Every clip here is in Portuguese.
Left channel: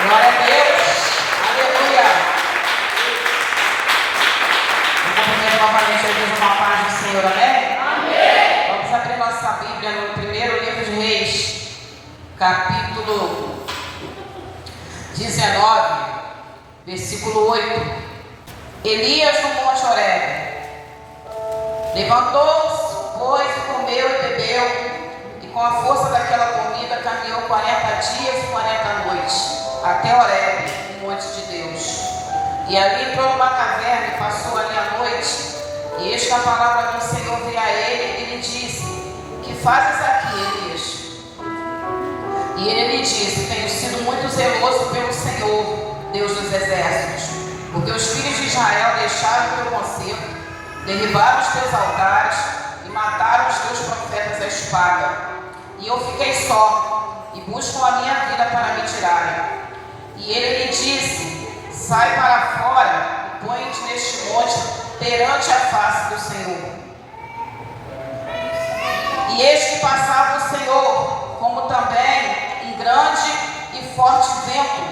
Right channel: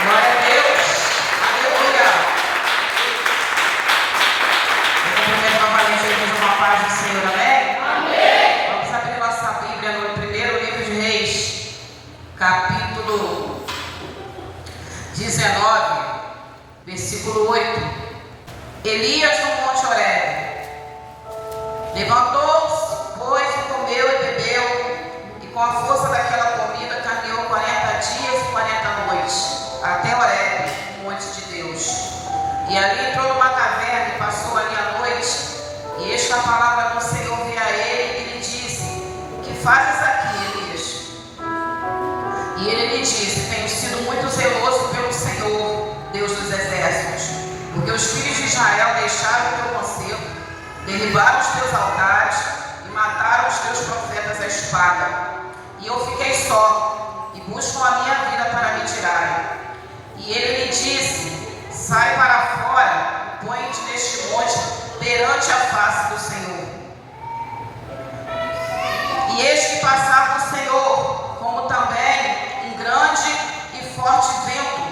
Glória a Deus. Aleluia. Eu cumprimento novamente a igreja com a paz do Senhor. Amém? Amém. Vamos abrir nossa Bíblia no primeiro livro de Reis, capítulo 19, versículo 8. Elias no Monte Horebe. Levantou-se, pois, e comeu e bebeu, e com a força daquela comida caminhou 40 dias e 40 noites, até Horebe, o monte de Deus. E ali entrou numa caverna e passou ali a noite. E eis que a palavra do Senhor veio a ele e lhe disse: que fazes aqui, Elias? E ele lhe disse: tenho sido muito zeloso pelo Senhor, Deus dos exércitos, porque os filhos de Israel deixaram o teu conselho, derribaram os teus altares e mataram os teus profetas à espada. E eu fiquei só, e buscam a minha vida para me tirarem. E ele lhe disse: sai para fora e põe-te neste monte perante a face do Senhor. E eis que passava o Senhor, como também um grande e forte vento,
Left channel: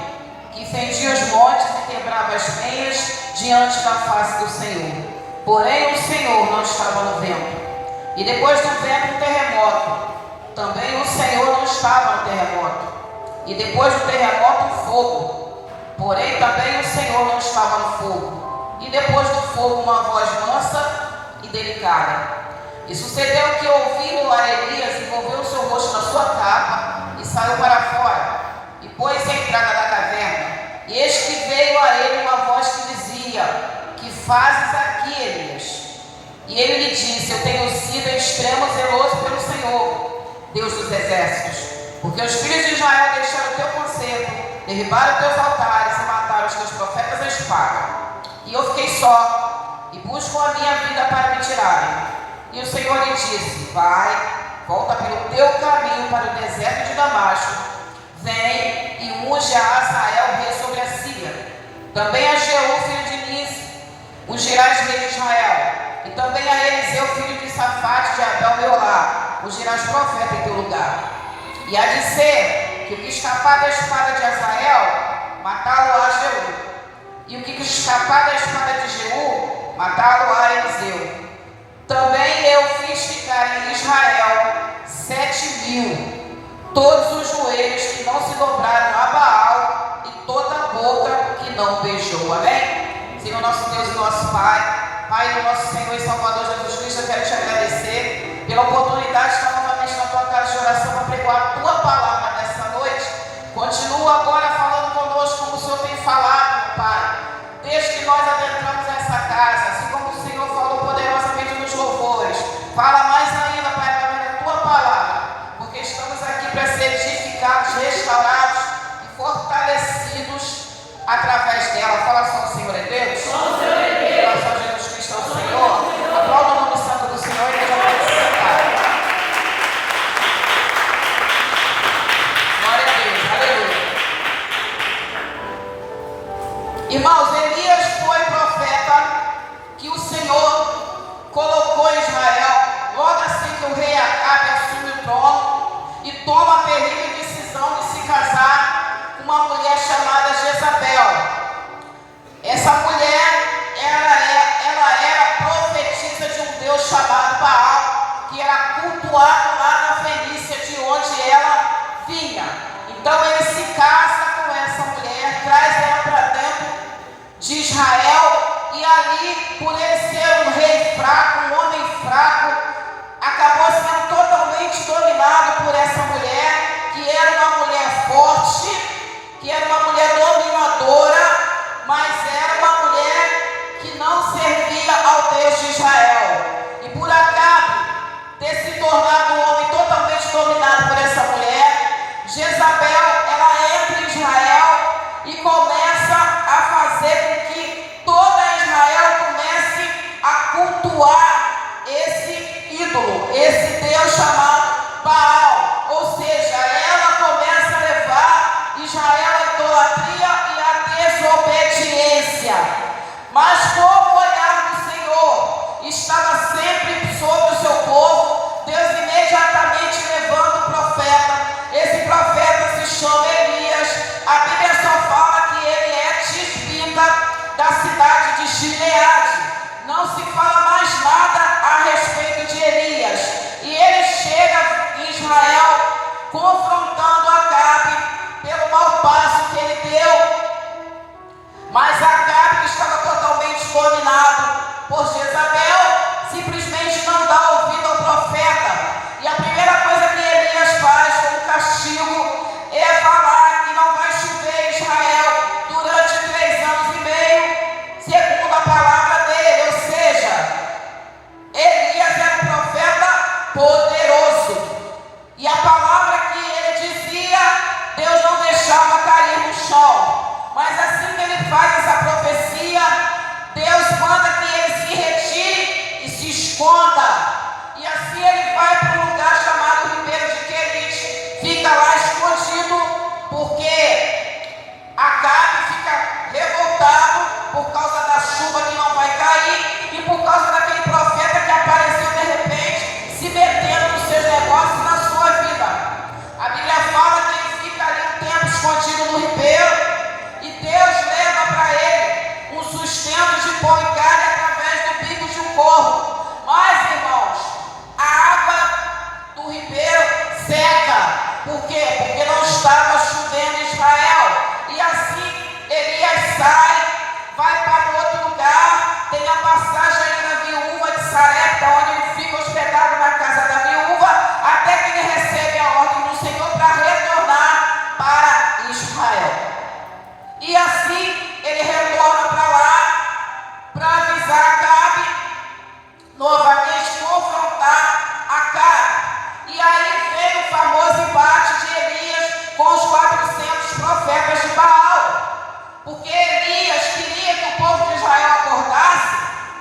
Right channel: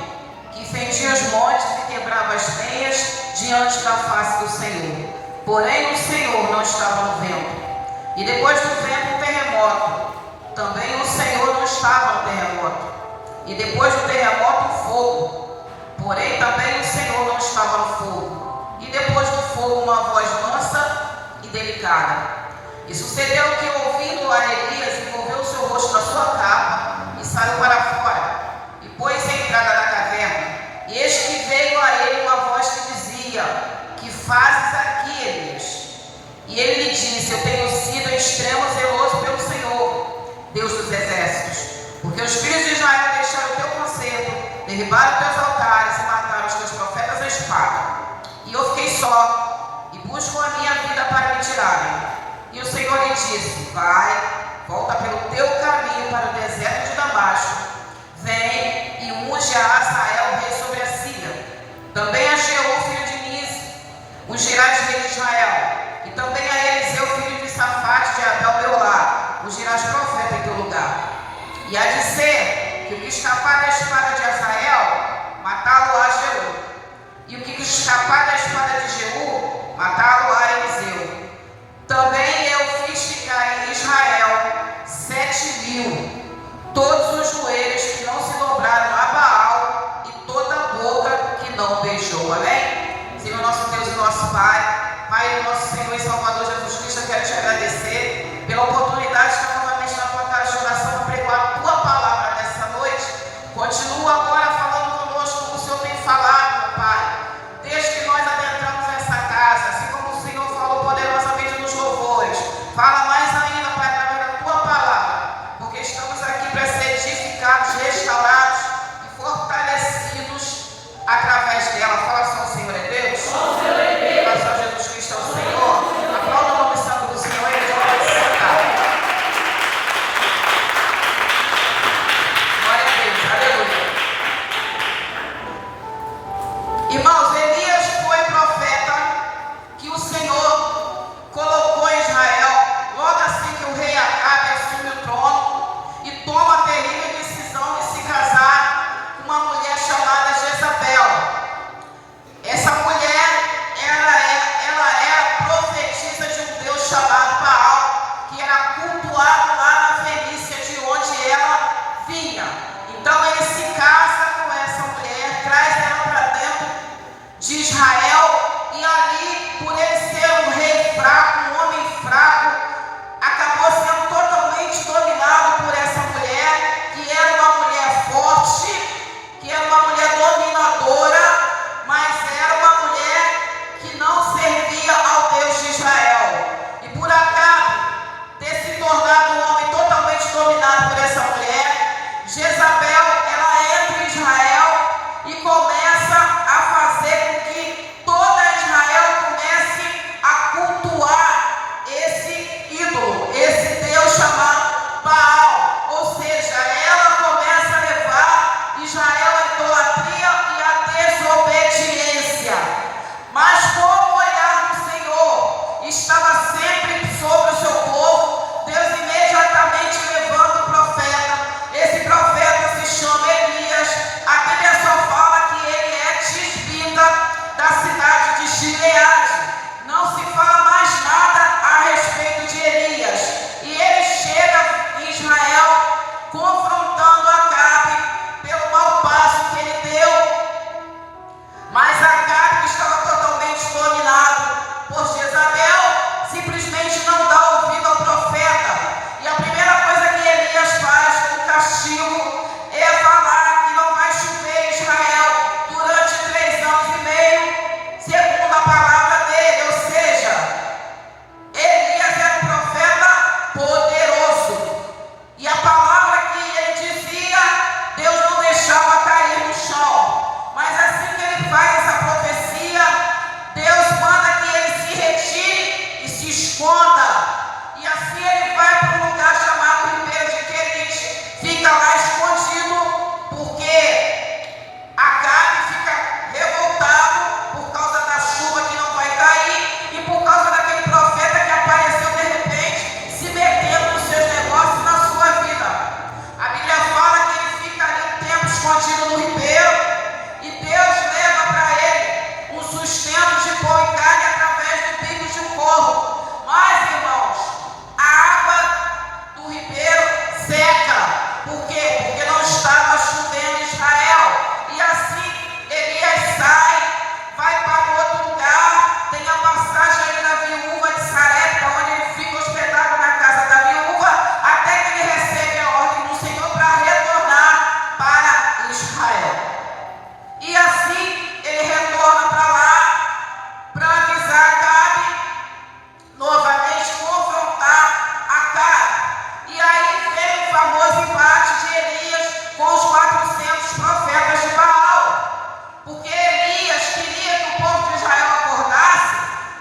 que fendia os montes e quebrava as penhas diante da face do Senhor. Porém o Senhor não estava no vento. E depois do vento um terremoto. Também o Senhor não estava no terremoto. E depois do terremoto um fogo. Porém também o Senhor não estava no fogo. E depois do fogo uma voz mansa e delicada. E sucedeu que, ouvindo lá Elias, envolveu o seu rosto na sua capa e saiu para fora. E pôs-se à entrada da caverna. E eis que veio a ele uma voz que dizia: que fazes aqui, Elias? E ele lhe disse: eu tenho sido em extremo zeloso pelo Senhor, Deus dos exércitos, porque os filhos de Israel deixaram o teu conselho, derribaram teus altares e mataram os teus profetas à espada. E eu fiquei só, e busco a minha vida para me tirarem. E o Senhor lhe disse: vai, volta pelo teu caminho para o deserto de Damasco, vem e unge a Azael, rei sobre a Síria. Também a Jeú, filho de Nisi, ungirás rei de Israel. E também a Eliseu, filho de Safate, de Abel, meu lar, ungirás profeta em teu lugar. E há de ser que o que escapar da espada de Azael, matá-lo a Jeú. E o que escapar da espada de Jeú, matá-lo a Eliseu. Também eu fiz ficar em Israel 7.000, todos os joelhos que não se dobraram a Baal e toda a boca que não beijou. Amém? Senhor nosso Deus e nosso Pai, Pai nosso Senhor e Salvador Jesus Cristo, eu quero te agradecer pela oportunidade de estar novamente na tua casa de oração para pregar a tua palavra nessa noite. Continua agora falando conosco como o Senhor tem falado, meu Pai. Desde que nós adentramos essa casa, assim como o Senhor falou poderosamente nos louvores, fala mais ainda, Pai, através da tua palavra, porque estamos aqui para ser edificados, restaurados e fortalecidos através dela. Fala só, o Senhor é Deus. Fala só, Jesus Cristo é o Senhor. Aplauda o nome santo do Senhor e já pode sentar. Glória a Deus, aleluia. porque Acabe fica revoltado por causa da chuva que não vai cair e por causa daquele profeta que apareceu de repente, se metendo nos seus negócios e na sua vida. A Bíblia fala que ele fica ali um tempo escondido no ribeiro e Deus leva para ele um sustento de pão e carne através do bico de um corvo. Mas, irmãos, a água do ribeiro seca. Por quê? Porque não estava chovendo em Israel. E assim Elias sai, vai para outro lugar, tem a passagem ali na viúva de Sarepta, onde ele fica hospedado na casa da viúva, até que ele recebe a ordem do Senhor para retornar para Israel. E assim ele retorna para lá, para avisar Acabe, novamente confrontar Acabe. E aí vem o famoso embate de Elias com os 400 profetas de Baal. Porque Elias queria que o povo de Israel acordasse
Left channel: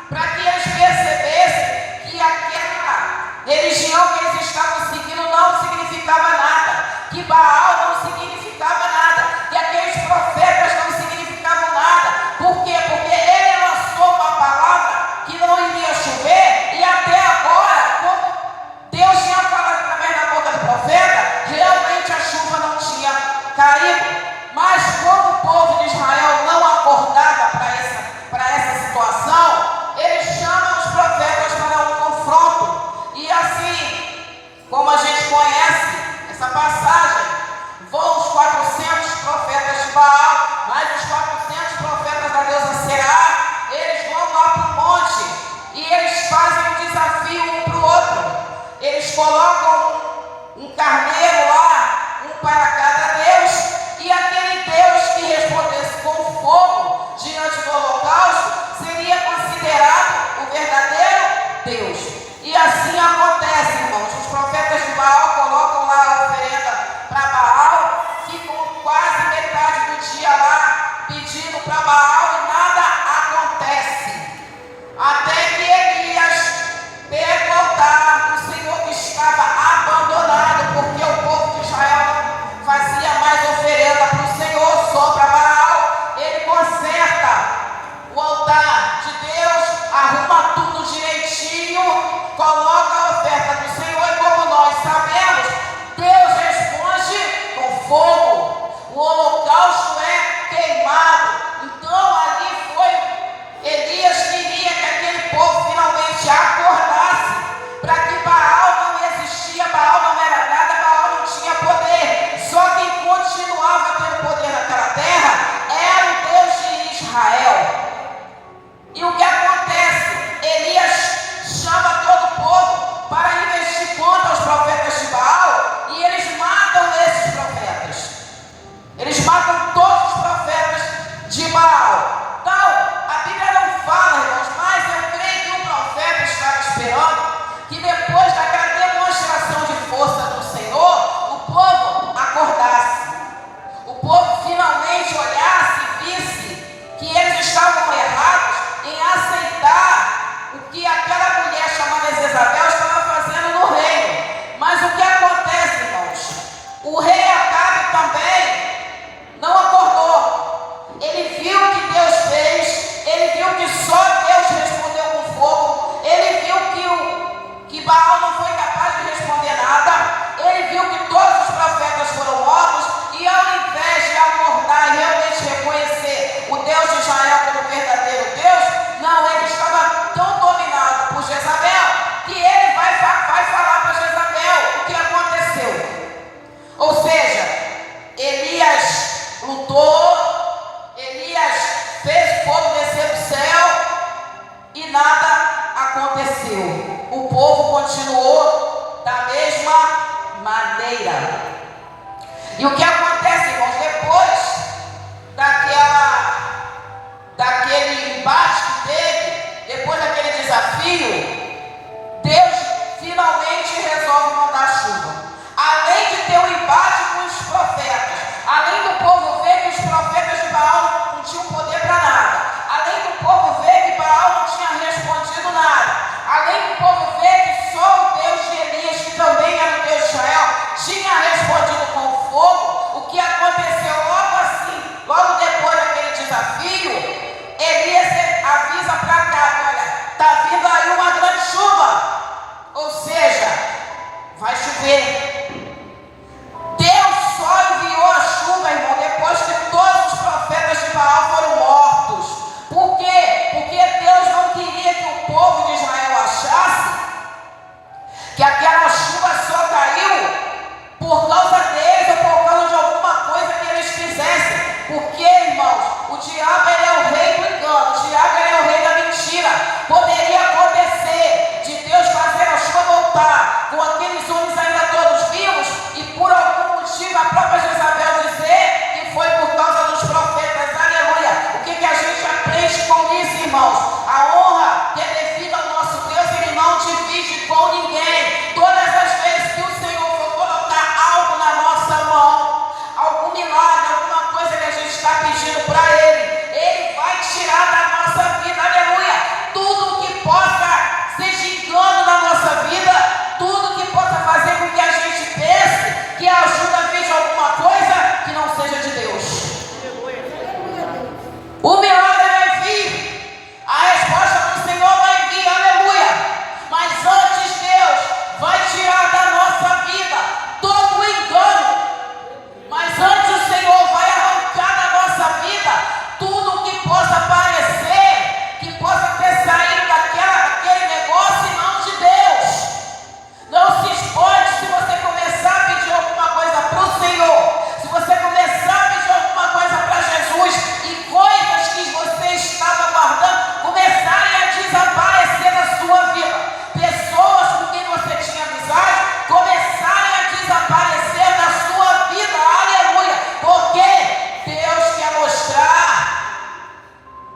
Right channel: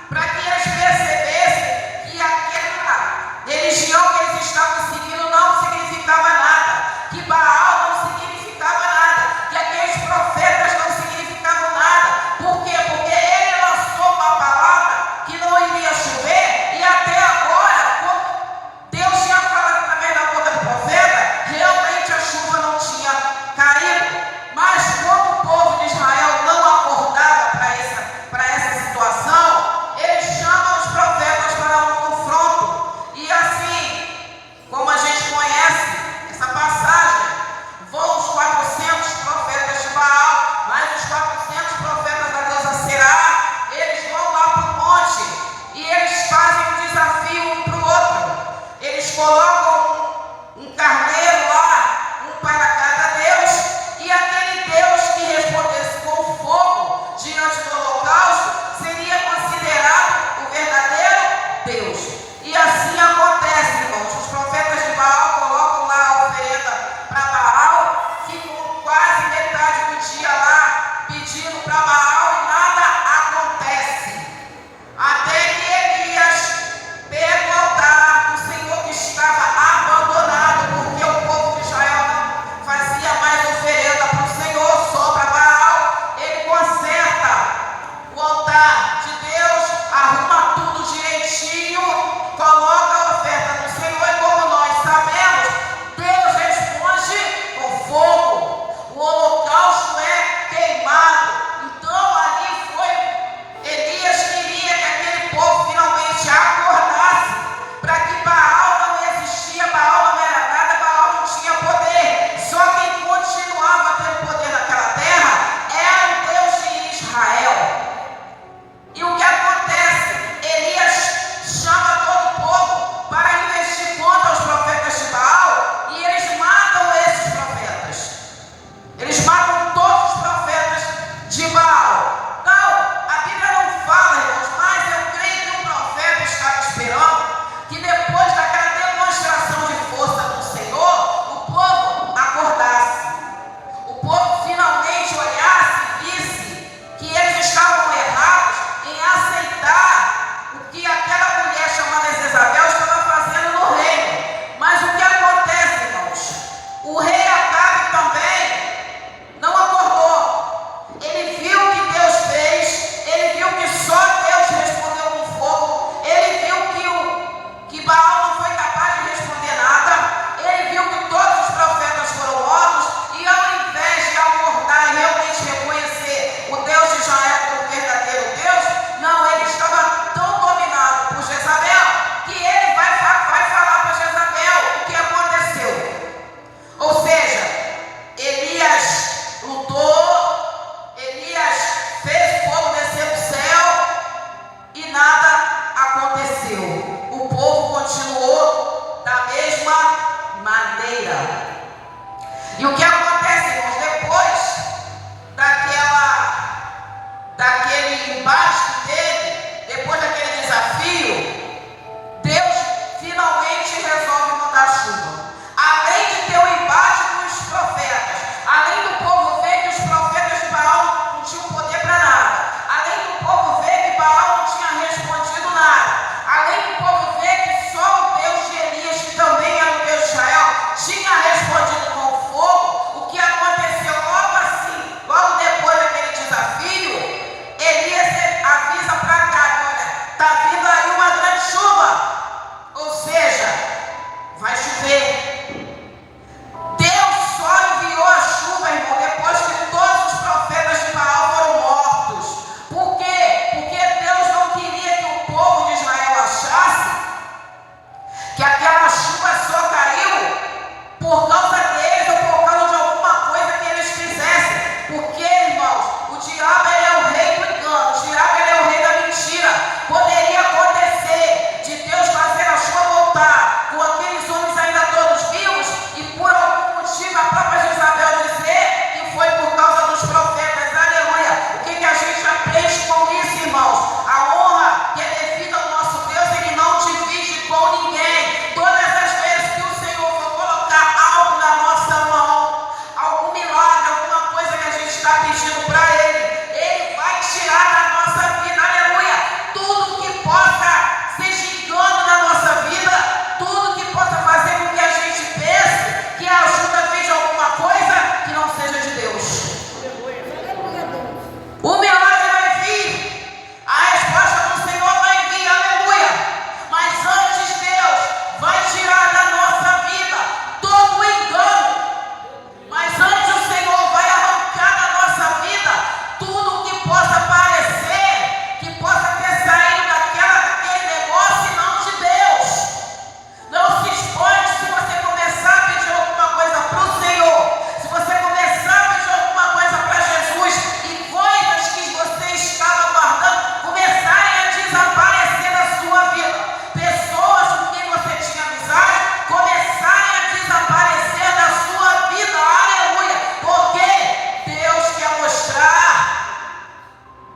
para que eles percebessem que aquela religião que eles estavam seguindo não significava nada, que Baal não significava nada, que aqueles profetas não significavam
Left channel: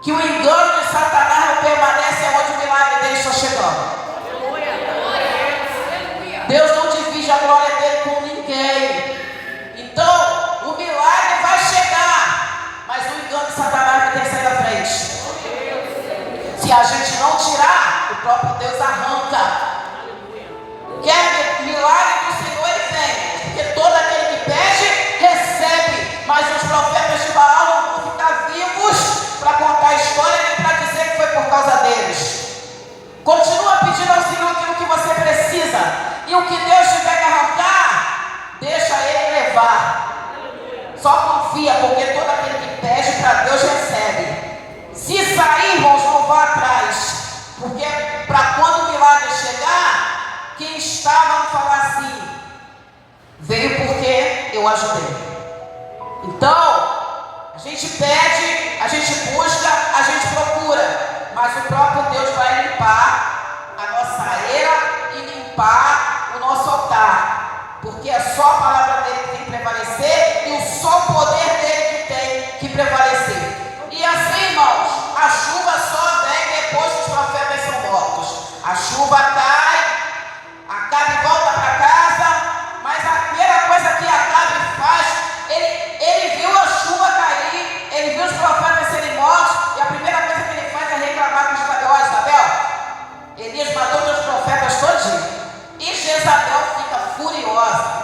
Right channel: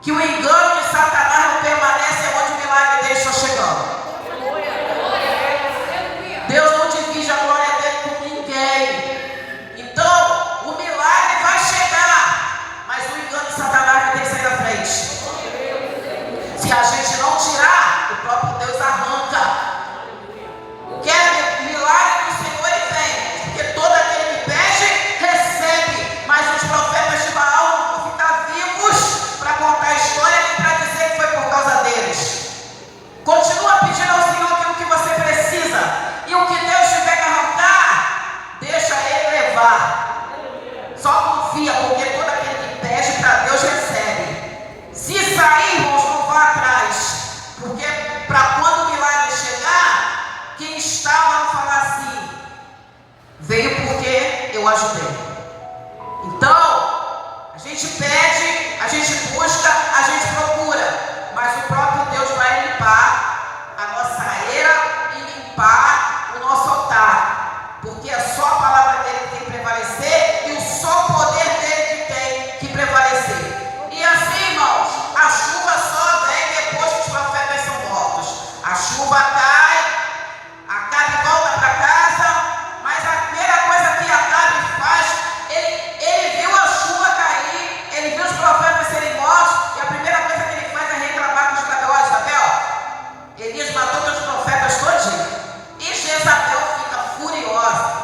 que o engano de Satanás não permanece onde o milagre dele está chegando. Deus não divide a glória dele com ninguém. Então, o milagre vai chegar, mas o engano de Satanás vai ter que sair da frente. Se a gente não tirar, o próprio Deus arranca. Quer milagre do Senhor e vem, porque todo aquele que pede, recebe. Mas os profetas de Baal não vão ficar vivos para contar a história nem para dizer que foi por causa deles. Continua pedindo ao Senhor aquilo que você precisa, e o que Deus tiver que arrancar, deixa Ele levar. Só confia, porque todo aquele que pede para Deus recebe. Se sair, irmãos, não vá atrás, porque para quando o milagre chegar, quem estava a falar assim, veio porque eu ajudei. Então, a gente pede, a gente busca, a gente procura, mas o próprio Deus vai limpar a nossa era e limpar o nosso altar, porque é só a palavra dele que tem que prevalecer e o só poder dele que tem que prevalecer. E assim, irmãos, a chuva só vem depois que os profetas são mortos. A chuva cai, Acabe volta para casa, mas a primeira coisa que Acabe faz, ele viu a chuva cair, ele viu os profetas serem mortos, e a primeira coisa que ele faz é reclamar com Jezabel. Ó, Isabel, Elias matou teus profetas todinho. E Jezabel fica furiosa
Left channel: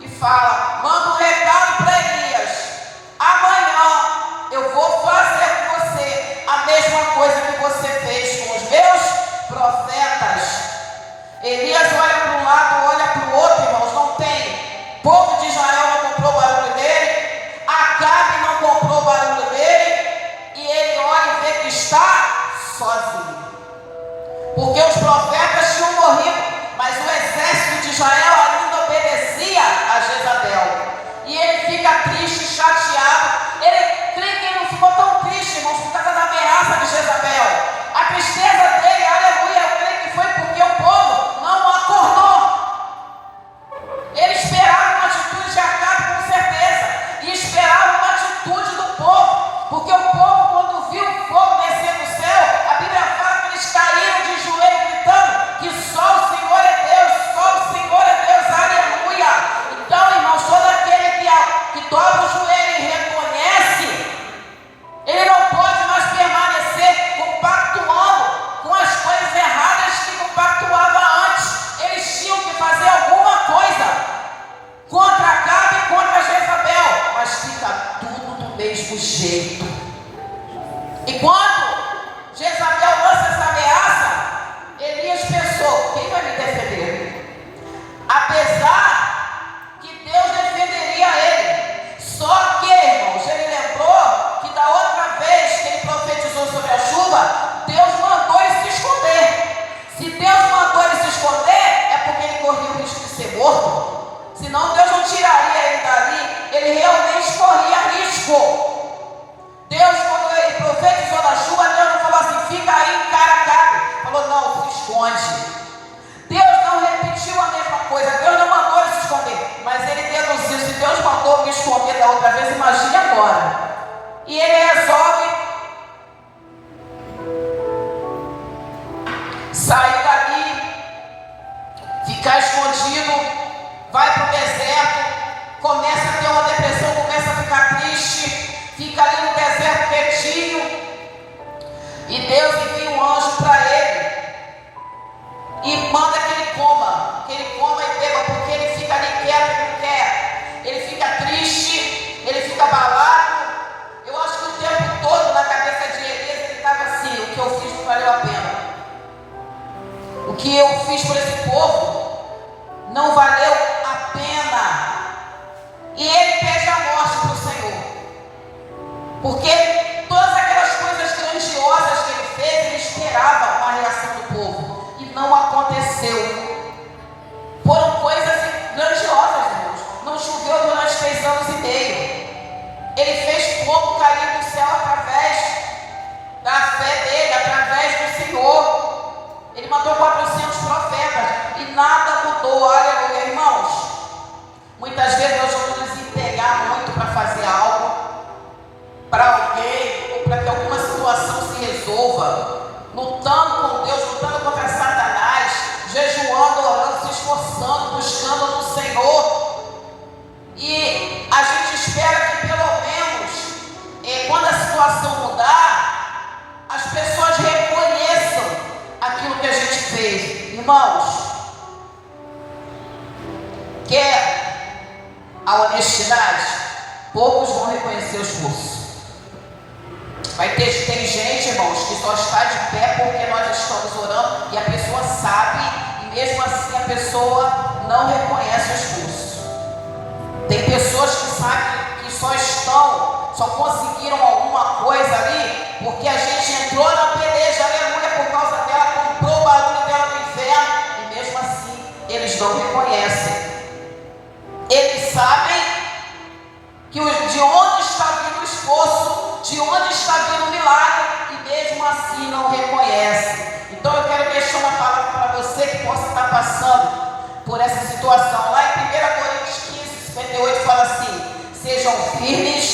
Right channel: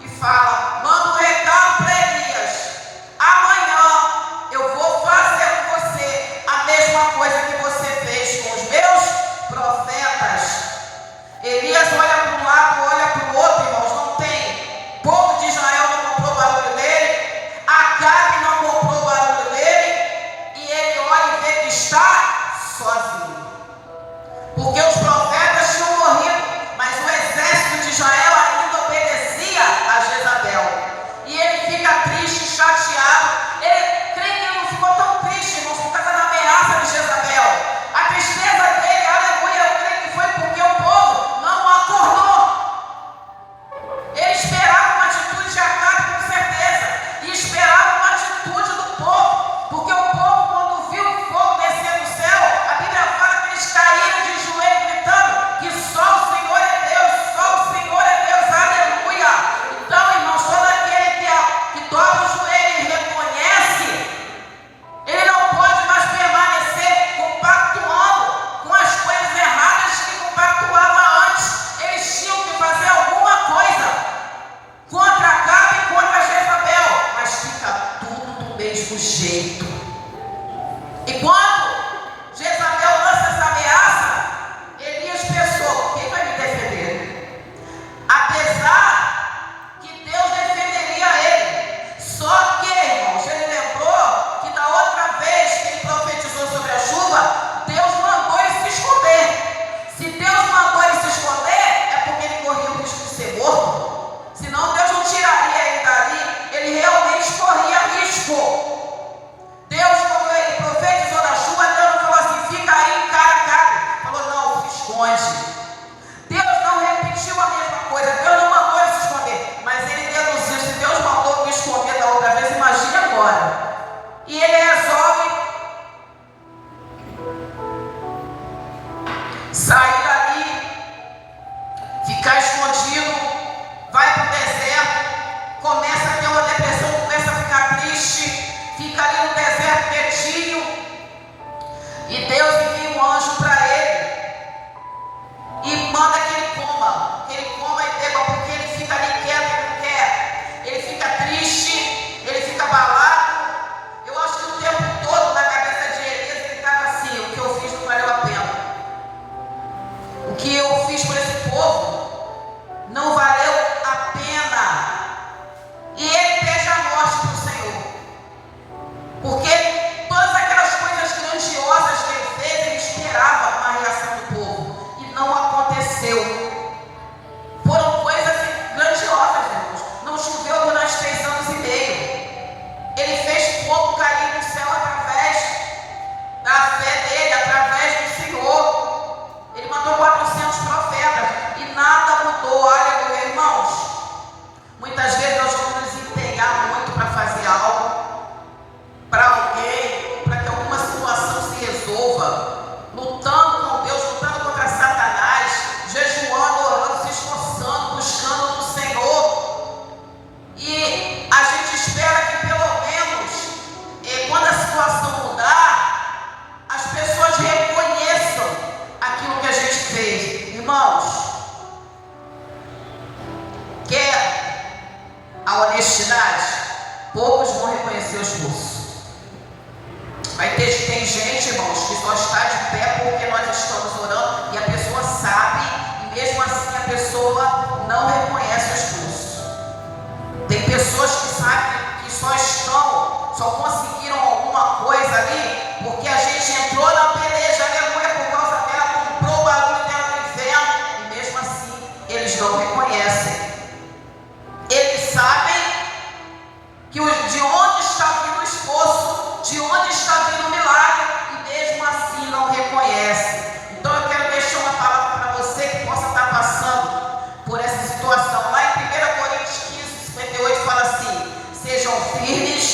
e fala, manda um recado para Elias, amanhã eu vou fazer com você a mesma coisa que você fez com os meus profetas. Elias olha para um lado, olha para o outro, irmãos, não tem. Povo de Israel não comprou o barulho dele, Acabe não comprou o barulho dele, e ele olha e vê que está sozinho. Porque os profetas tinham morrido, mas o exército de Israel ainda obedecia a Jezabel. E ele fica triste, chateado. Ele crê que ele não ficou tão triste, irmãos, por causa da ameaça de Jezabel. A tristeza dele, aleluia, eu creio que foi porque o povo não acordou. Ele esperava uma atitude de Acabe com certeza, e esperava uma atitude do povo, porque o povo, quando viu o fogo descer do céu, a Bíblia fala que eles caíram de joelho gritando que só o Senhor é Deus, só o Senhor é Deus, aleluia. Então, irmãos, todo aquele que dobra o joelho e reconhece, ele não pode mais permanecer compactuando com as coisas erradas que compactuava antes. Eles tinham que fazer alguma coisa contra Acabe e contra Jezabel, mas fica tudo do mesmo jeito. E quando Jezabel lança essa ameaça, Elias pensou, quem vai me defender? Apesar que Deus defenderia ele, só que, irmãos, ele lembrou que da outra vez que ele profetizou sobre a chuva, Deus mandou ele se esconder. Se Deus mandou ele se esconder, é porque ele corria o risco de ser morto. Senão Deus não tiraria ele dali, ele realmente corria risco. Deus, quando ele profetizou da chuva, poucos vão reconhecer o esforço. Tem gente, irmãos, que só está de pé porque nós estamos orando e a pessoa sabe, e mesmo assim a pessoa não reconhece o esforço. Tem pessoas que sabem que só conseguiram alguma coisa ali porque a gente entrou na peleja, aleluia, por causa dela, comprou o barulho dela no inferno, e mesmo assim eles não reconhecem. Eles sabem de onde está vindo o esforço, de onde está vindo o milagre, e mesmo assim não reconhecem. Então eu quero deixar uma palavra para você que possa estar passando por essa situação. Lá em 1 Coríntios 15, 58 fala assim: sejam firmes,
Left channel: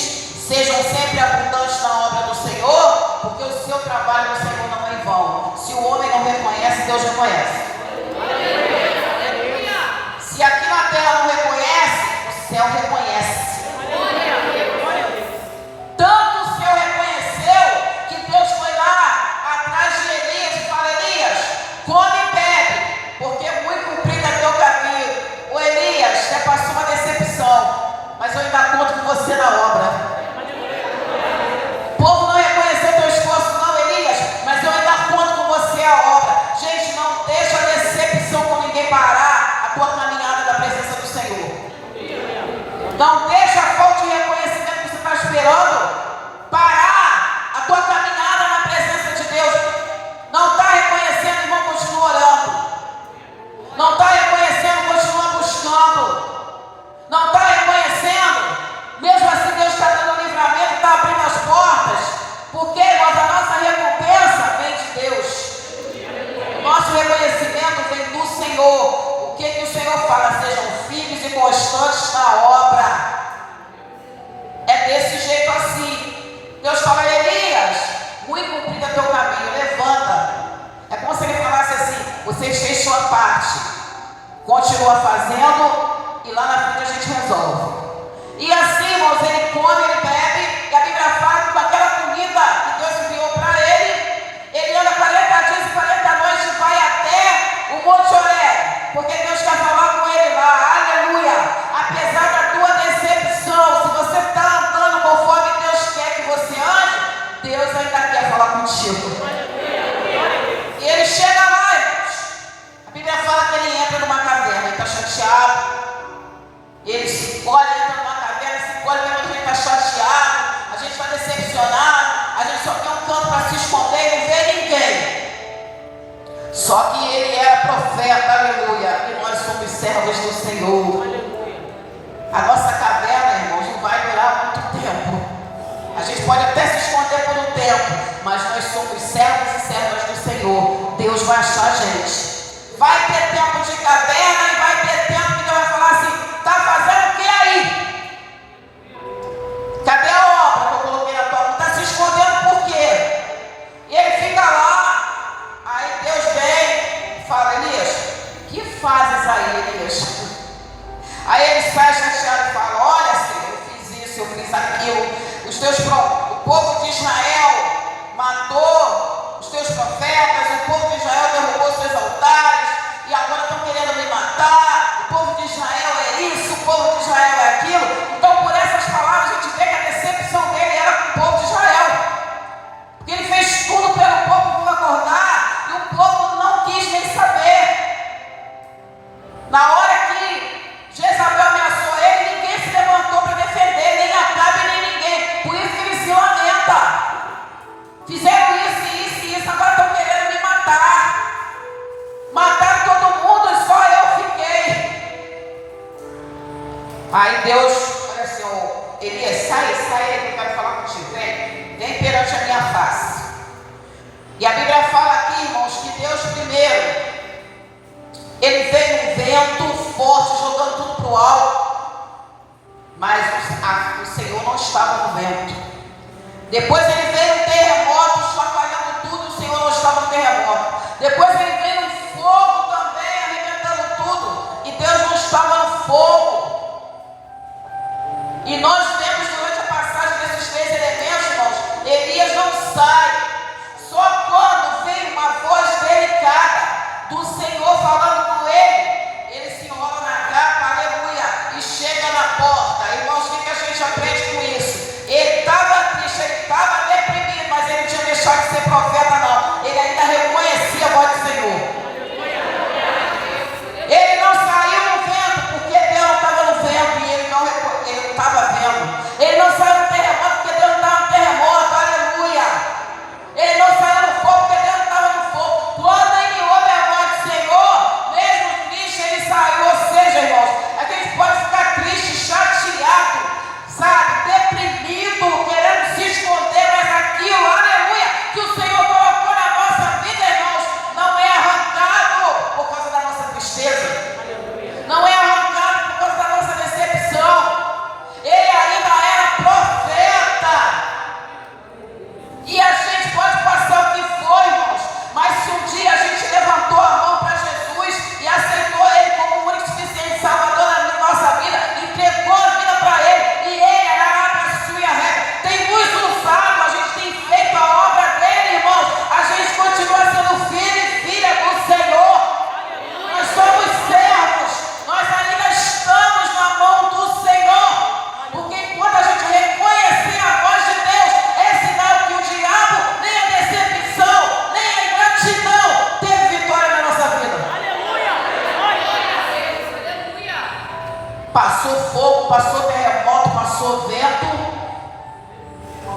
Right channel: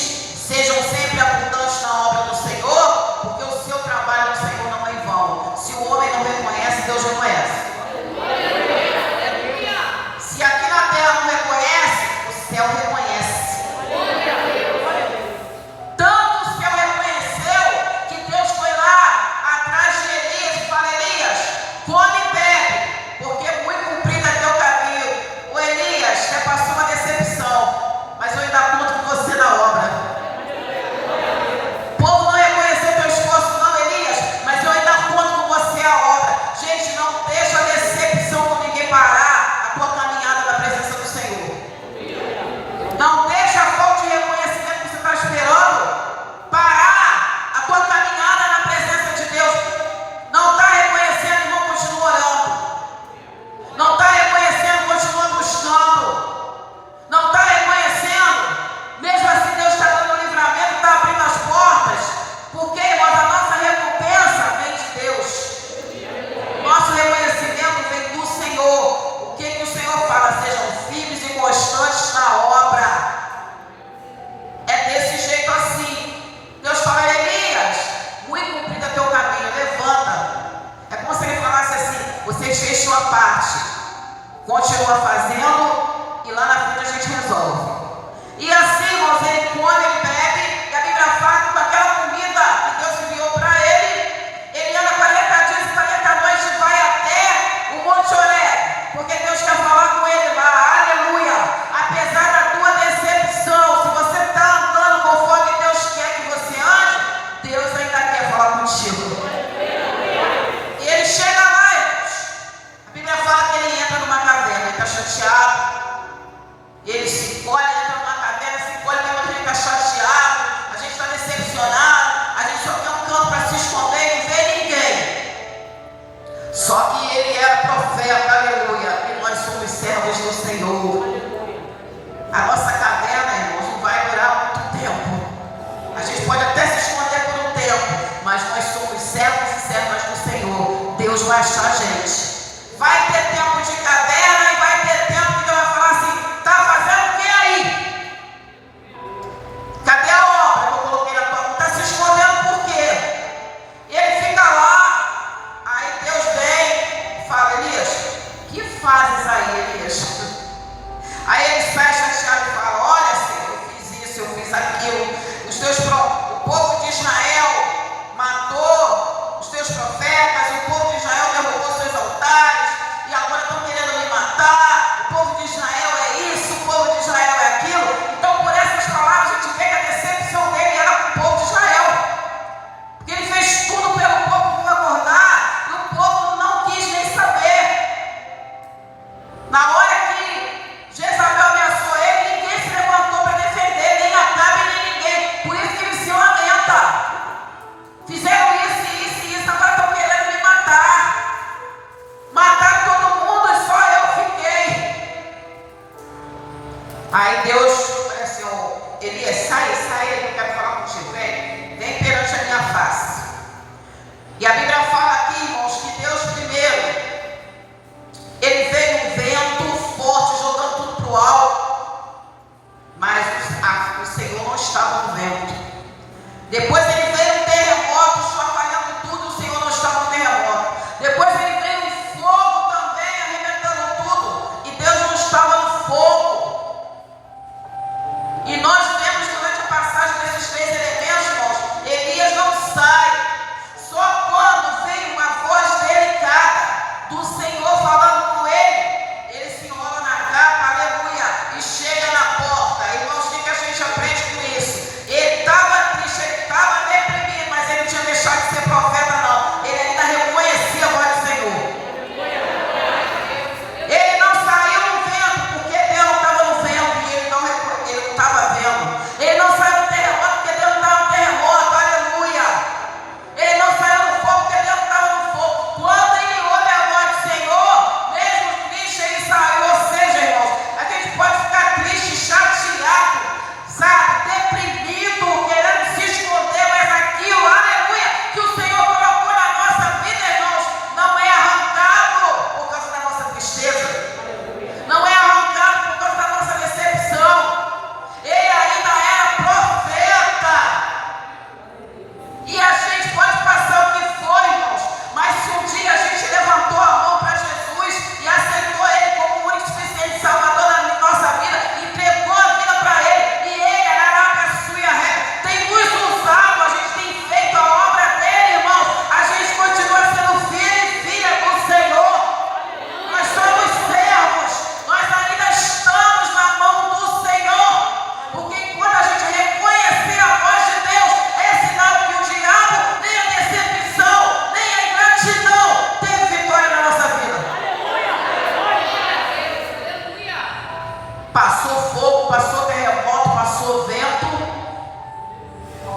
sejam sempre abundantes na obra do Senhor, porque o seu trabalho no Senhor não é em vão. Se o homem não reconhece, Deus reconhece. Se aqui na terra não reconhece, o céu reconhece. Tanto o céu reconheceu que Deus foi lá atrás de Elias e fala: Elias, come e bebe, porque muito cumprido é teu caminho. O Elias, já passou uma decepção, mas eu ainda conto com você na obra. O povo não reconheceu teu esforço não, Elias, mas eu ainda conto com você a obra. Gente, não deixa a decepção com ninguém parar a tua caminhada da presença do Senhor. Não deixa a falta de reconhecimento que você está esperando parar a tua caminhada na presença de Deus. Não está reconhecendo, irmão, continua orando. Não está reconhecendo, continua buscando. Não está reconhecendo, mesmo assim Deus está dando livramento, está abrindo as portas. Porque, irmãos, a nossa recompensa vem de Deus. Nosso reconhecimento vem do Senhor. O que o Senhor fala? Sejam firmes e constantes na obra. É desse jeito assim. Deus fala: Elias, muito cumprido é teu caminho, levanta. É como se ele falasse assim: vocês fez sua parte, continua fazendo, e lá na frente a gente resolve. E assim, irmãos, ele come, ele bebe, e a Bíblia fala que daquela comida que Deus enviou para ele anda 40 dias e 40 noites e vai até o Monte Horebe, porque Deus quer falar com ele lá, aleluia. Apesar da tua decepção, se você está andando conforme Deus quer que você ande, Deus ainda quer falar contigo. E ele chega lá, irmãos. A Bíblia fala que ele entra numa caverna, ele está chateado, ele se encolhe, entra numa caverna, se encolhe, mesmo que ele está chateado, a gente está decepcionado, a gente só tem um canto para se esconder e não vê ninguém. Só que ele era profeta, aleluia, e nós somos servos do Senhor. A nossa caverna, irmãos, não vai durar muito tempo. A gente pode até se esconder por um tempo, mas nós somos servos e servas do Senhor. Deus vai achar a gente. Vai ter tempo de caverna e vai ter tempo que Deus vai falar assim: tá fazendo o que aí? Cadê a obra que eu coloquei na tua mão? Tá se escondendo por quê? E ele fica lá. Aí Deus vem e fala: Elias, que fazes aí, Elias? Aí ele sai chateado e fala: olha, Senhor, eu fiz isso, eu fiz aquilo. O povo de Israel matou os teus profetas, o povo de Israel derrubou os seus altares, e agora estão querendo me matar. O povo de Israel é isso, o povo de Israel é aquilo. Então, por essas palavras, a gente vê que a decepção dele era com o povo de Israel, porque ele fez tudo pelo povo para acordar, e o povo não quis nem saber. Na hora que Jezabel ameaçou ele, ninguém se levantou para defender, nem Acabe, nem ninguém. Por isso que ele se lamenta. Fizeram isso e isso, agora estão querendo me matar. Mataram todo mundo e só eu fiquei. Aí Deus, olha assim: Elias, sai, eu quero falar contigo, vem perante a minha face. E a Bíblia fala aqui, irmãos, que Deus primeiro, ele veio um vento forte, jogando tudo para o alto, mas o Senhor não estava no vento. Depois ele veio um terremoto, chacoalhando tudo, o Senhor não estava no terremoto. Depois ele veio um fogo também, arrebentando tudo, e Deus não estava no fogo. E nós vemos durante a passagem desses 3 elementos, irmãos, Elias não sai. Só quando veio uma voz delicada do Senhor falando com ele se enrola na capa, aleluia, e chega na porta. Irmãos, o que a gente aprende com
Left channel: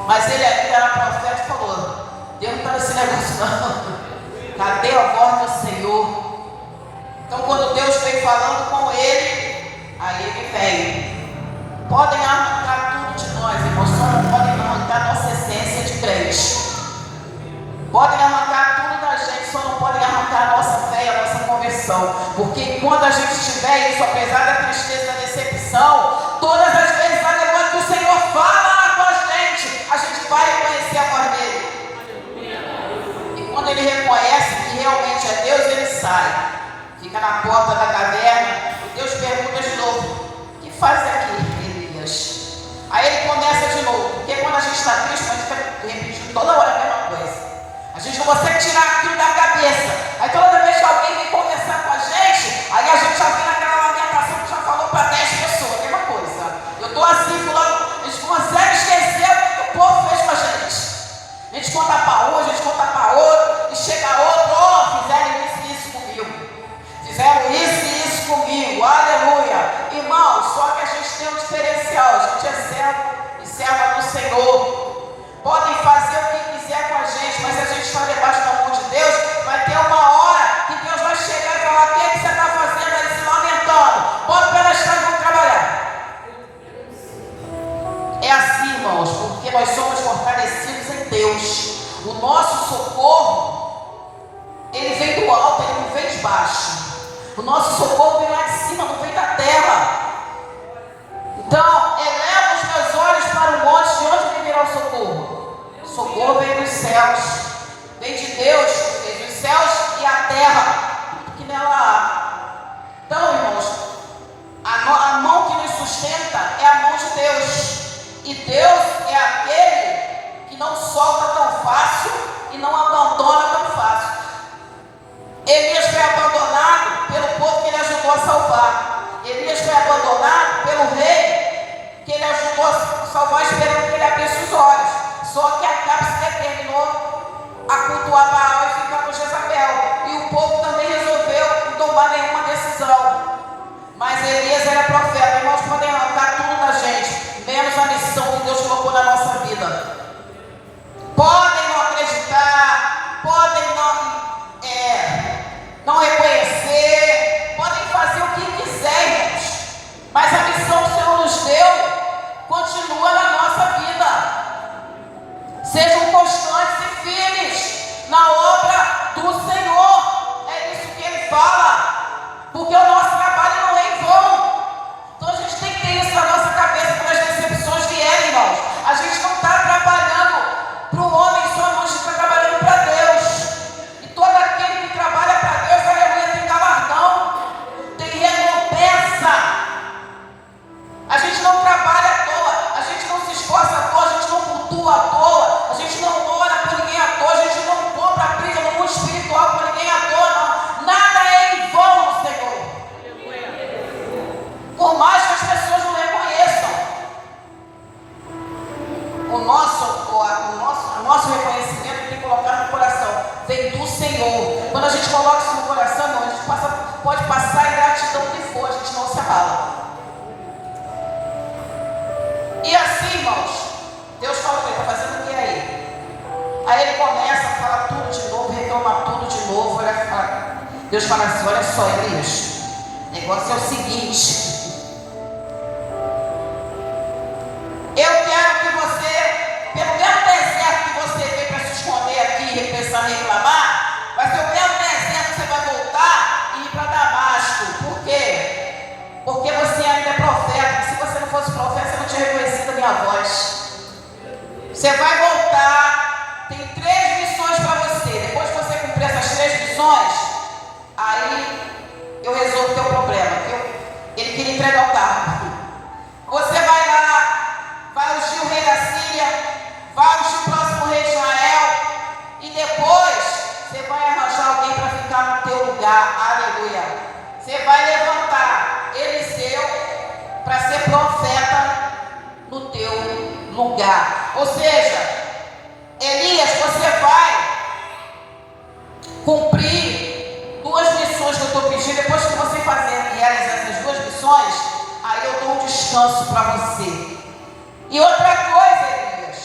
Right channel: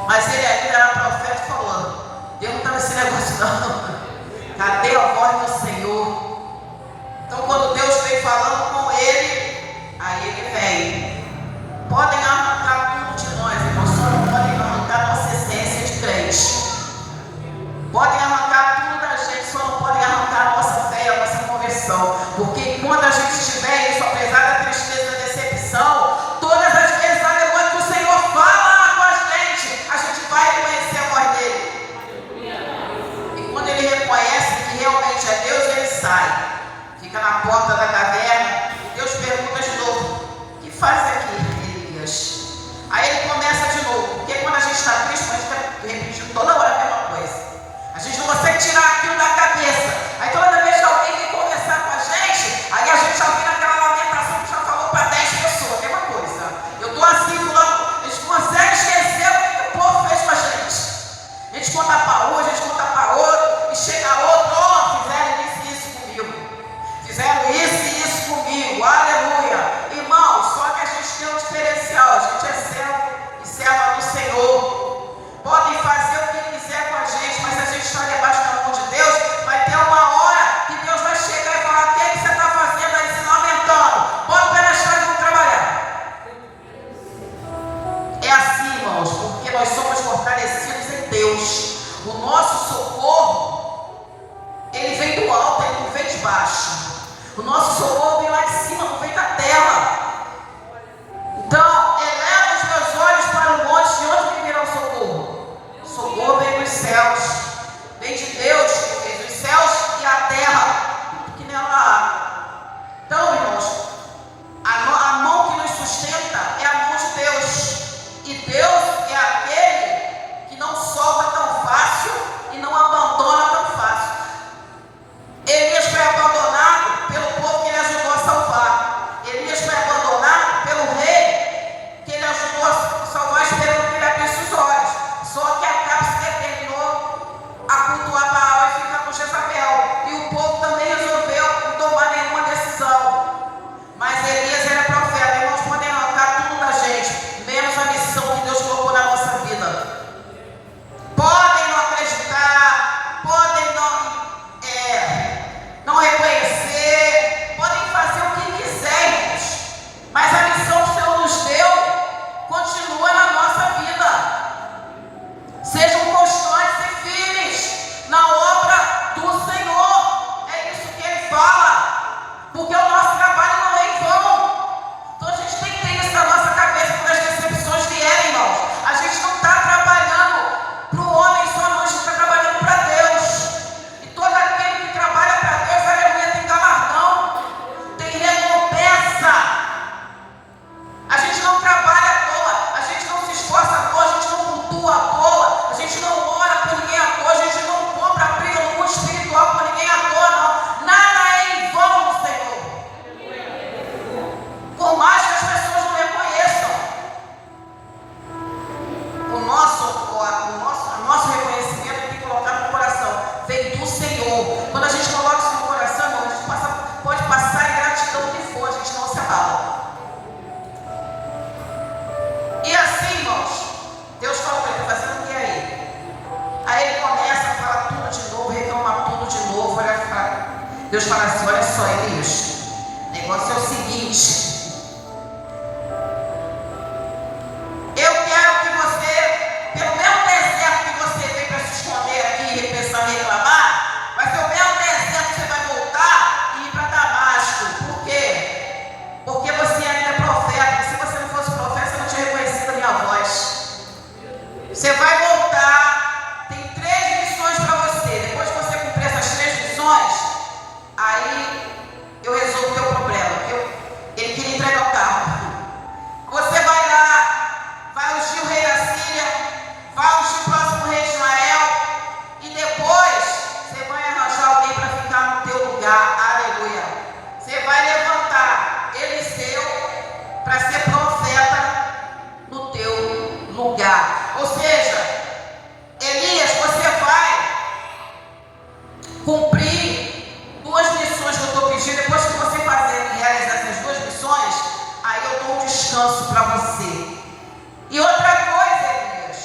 Mas ele era profeta e falou: Deus não está nesse negócio não. Cadê a voz do Senhor? Então quando Deus veio falando com ele, aí ele veio. Podem arrancar tudo de nós, irmãos, só não podem arrancar nossa essência de crente. Podem arrancar tudo da gente, só não podem arrancar a nossa fé, a nossa conversão. Porque quando a gente tiver isso, apesar da tristeza, da decepção, todas as vezes, aleluia, que o Senhor fala com a gente vai reconhecer a voz dele. E quando ele reconhece que realmente é Deus, ele sai. Fica na porta da caverna e Deus pergunta de novo: o que faz aqui, Elias? Aí ele começa de novo, porque quando a gente está triste, a gente fica repetindo toda hora a mesma coisa. A gente não consegue tirar aquilo da cabeça. Aí toda vez que alguém vem conversar com a gente, aí a gente já vem naquela lamentação que já falou para 10 pessoas, a mesma coisa. Eu estou assim, fulano, a gente consegue esquecer o que o povo fez com a gente. A gente conta para um, a gente conta para outro, e chega outro: ó, fizeram isso e isso comigo. Fizeram isso e isso comigo, aleluia. Irmão, só que a gente tem um diferencial, a gente é servo e serva do Senhor. Podem fazer o que quiser com a gente, mas a gente está debaixo da mão de Deus. Vai ter uma hora que Deus vai chegar e falar: o que é que você está fazendo aí se lamentando? Bota o pé na estrada e vamos trabalhar. É assim, irmãos, porque nós somos fortalecidos em Deus. O nosso socorro, ele vem do alto, ele não vem de baixo. O nosso socorro vem lá de cima, não vem da terra. Então, eleva os meus olhos para o monte, de onde me virá o socorro? O socorro vem dos céus, vem de Deus, que fez os céus e a terra, que nela há. Então, irmãos, a mão que nos sustenta é a mão de Deus. E Deus é aquele que não solta tão fácil e não abandona tão fácil. Elias foi abandonado pelo povo que ele ajudou a salvar. Elias foi abandonado pelo rei que ele ajudou a salvar, esperando que ele abrisse os olhos. Só que Acabe se determinou a cultuar Baal e ficar com Jezabel. E o povo também resolveu não tomar nenhuma decisão. Mas Elias era profeta. Irmãos, podem arrancar tudo da gente, menos a missão que Deus colocou na nossa vida. Podem não acreditar, podem não reconhecer, podem fazer o que quiserem, mas a missão que o Senhor nos deu continua na nossa vida. Sejam constantes e firmes na obra do Senhor. É isso que Ele fala, porque o nosso trabalho não é em vão. Então a gente tem que ter isso na nossa cabeça quando as decepções vierem, irmãos. A gente não está trabalhando para o homem só, mas a gente está trabalhando para Deus. E todo aquele que trabalha para Deus, aleluia, tem galardão, tem recompensa. A gente não trabalha à toa, a gente não se esforça à toa, a gente não cultua à toa, a gente não ora por ninguém à toa, a gente não compra briga no mundo espiritual por ninguém à toa, não. Nada é em vão no Senhor. Por mais que as pessoas não reconheçam. O nosso reconhecimento tem que colocar no coração. Vem do Senhor. Quando a gente coloca isso no coração, a gente pode passar em gratidão o que for, a gente não se abala. E assim, irmãos, Deus fala para ele: está fazendo o que aí? Aí ele começa a falar tudo de novo, reclamar tudo de novo. Deus fala assim: olha só, Elias, o negócio é o seguinte. Eu quero que você, pelo mesmo deserto que você veio para se esconder aqui e pensar em reclamar, vai ser o mesmo deserto que você vai voltar e ir para Damasco. Por quê? Porque você ainda é profeta. Se você não fosse profeta, você não tinha reconhecido a minha voz. Você vai voltar, tem 3 missões para você. Depois que você cumprir essas 3 missões, aí eu resolvo o teu problema. Ele queria entregar o carro. Você vai lá, vai ungir o rei da Síria, vai ungir o próximo rei de Israel, e depois você vai arranjar alguém para ficar no teu lugar. Aleluia. Você vai levantar Eliseu para ser profeta no teu lugar. Ou seja, Elias, você vai cumprir 2 missões que eu estou pedindo. Depois que você realizar essas 2 missões, aí eu dou um descanso para você. E outra coisa, Elias,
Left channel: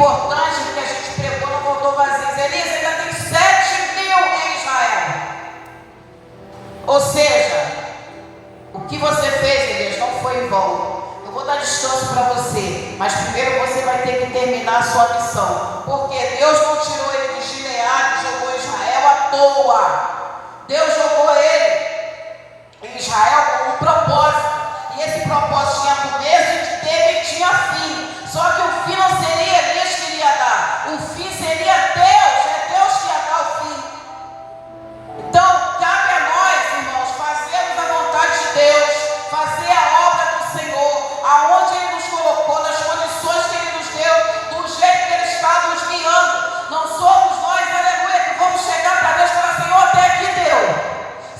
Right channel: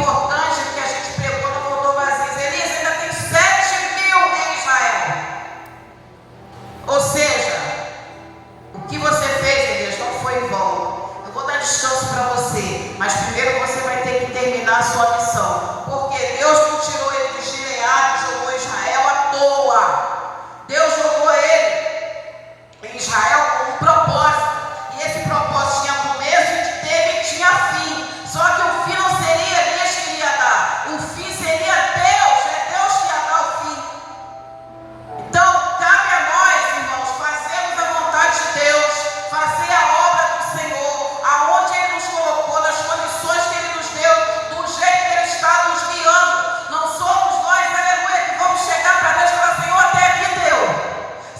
importante que a gente pregou não voltou vazio. Elias, ainda tem 7.000 em Israel. Ou seja, o que você fez, Elias, não foi em vão. Eu vou dar descanso para você, mas primeiro você vai ter que terminar a sua missão. Porque Deus não tirou ele de Gileade, jogou Israel à toa. Deus jogou ele em Israel com um propósito. E esse propósito tinha começo, teve e tinha fim. Só que o fim não seria Elias que ia dar. O fim seria Deus. É Deus que ia dar o fim. Então, cabe a nós, irmãos, fazermos a vontade de Deus, fazer a obra do Senhor, aonde Ele nos colocou, nas condições que Ele nos deu, do jeito que Ele está nos guiando. Não somos nós, aleluia, que vamos chegar para Deus e falar: Senhor, até aqui deu.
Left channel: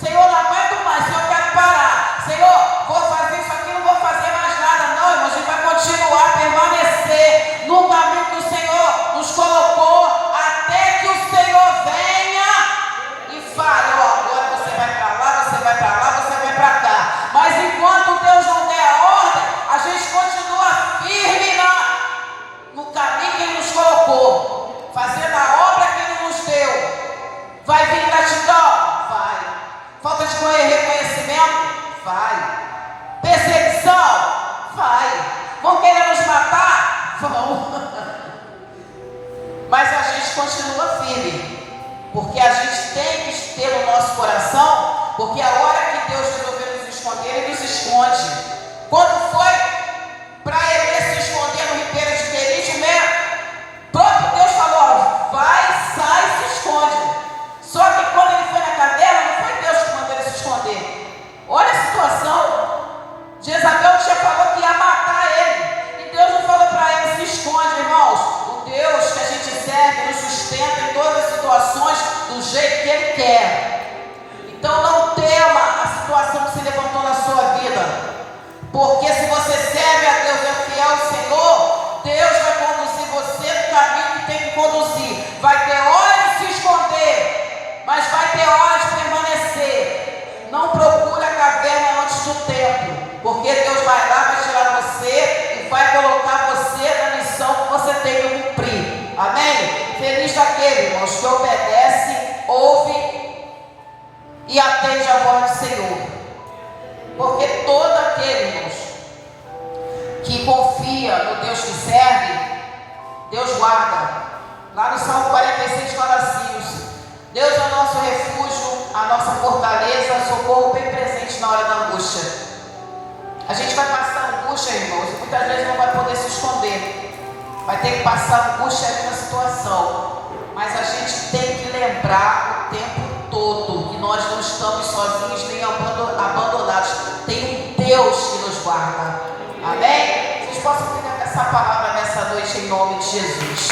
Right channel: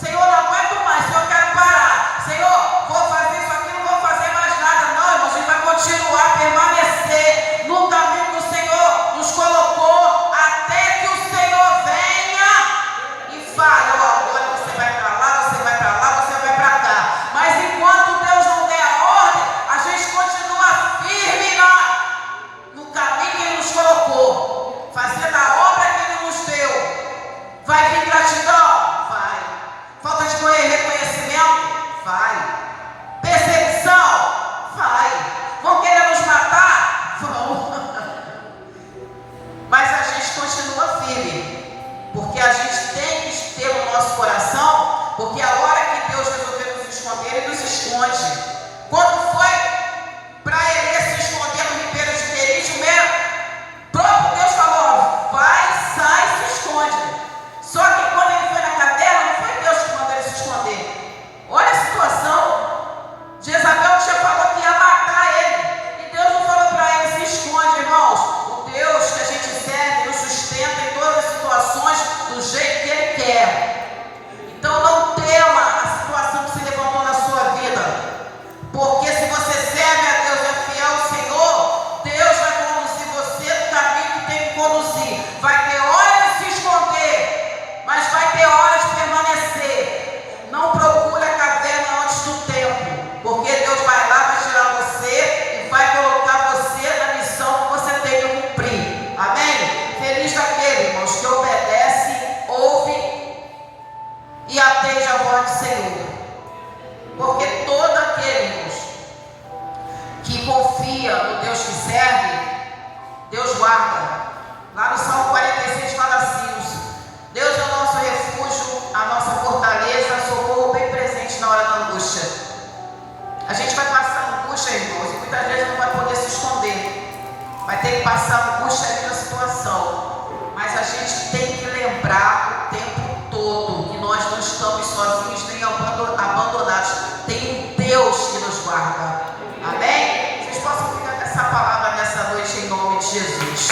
Senhor, não aguento mais, Senhor, eu quero parar. Senhor, vou fazer isso aqui, não vou fazer mais nada. Não, irmãos, a gente vai continuar a permanecer no caminho que o Senhor nos colocou, até que o Senhor venha e fale: ó, agora você vai para lá, você vai para lá, você vai para cá. Mas enquanto Deus não der a ordem, a gente continua firme no caminho que Ele nos colocou, fazendo a obra que Ele nos deu. Vai vir gratidão? Vai. Falta de reconhecimento? Vai. Perseguição? Vai. Vão querer nos matar? Vão. Mas a gente continua firme, porque a gente tem que ter o nosso coração, porque a hora que Deus resolveu nos esconder, Ele nos esconde. Quando foi para Elias se esconder no ribeiro de Querite, o próprio Deus falou: vai, sai, se esconde. Só que quando ele foi na cadeia, não foi Deus que mandou ele se esconder. Olha a situação. Jezabel já falou que ia matar ele, e Deus não falou para ele: se esconde, irmãos. O Deus que a gente serve nos sustenta em todas as situações do jeito que Ele quer. Então não tema a situação que se levantou na sua vida, porque se você serve a Deus, é fiel ao Senhor, Deus vai conduzir você no caminho que tem que conduzir. Vai ter hora de se esconder, mas vai ter hora de permanecer. Não procure a caverna antes do tempo, porque Deus vai lá, vai tirar você e vai colocar você na missão que você tem que cumprir. Amém? Feliz daquele, irmãos, que obedece, ouve e atende a voz do Senhor. Porque todo aquele, irmãos, que confia no Deus que serve, Deus guarda. Lá no Salmo 46 fala assim: Deus é o nosso refúgio, a nossa fortaleza, socorro bem presente na hora da angústia. A gente vai passar angústia, irmãos, e muitas vezes não vai poder se esconder. Vai ter que passar angústia ali na situação. Mas a gente tem que lembrar o tempo todo que nós não estamos sozinhos nem abandonados. Tem um Deus que nos guarda. Amém? Vocês possam ficar com essa palavra nessa noite em nome de Jesus.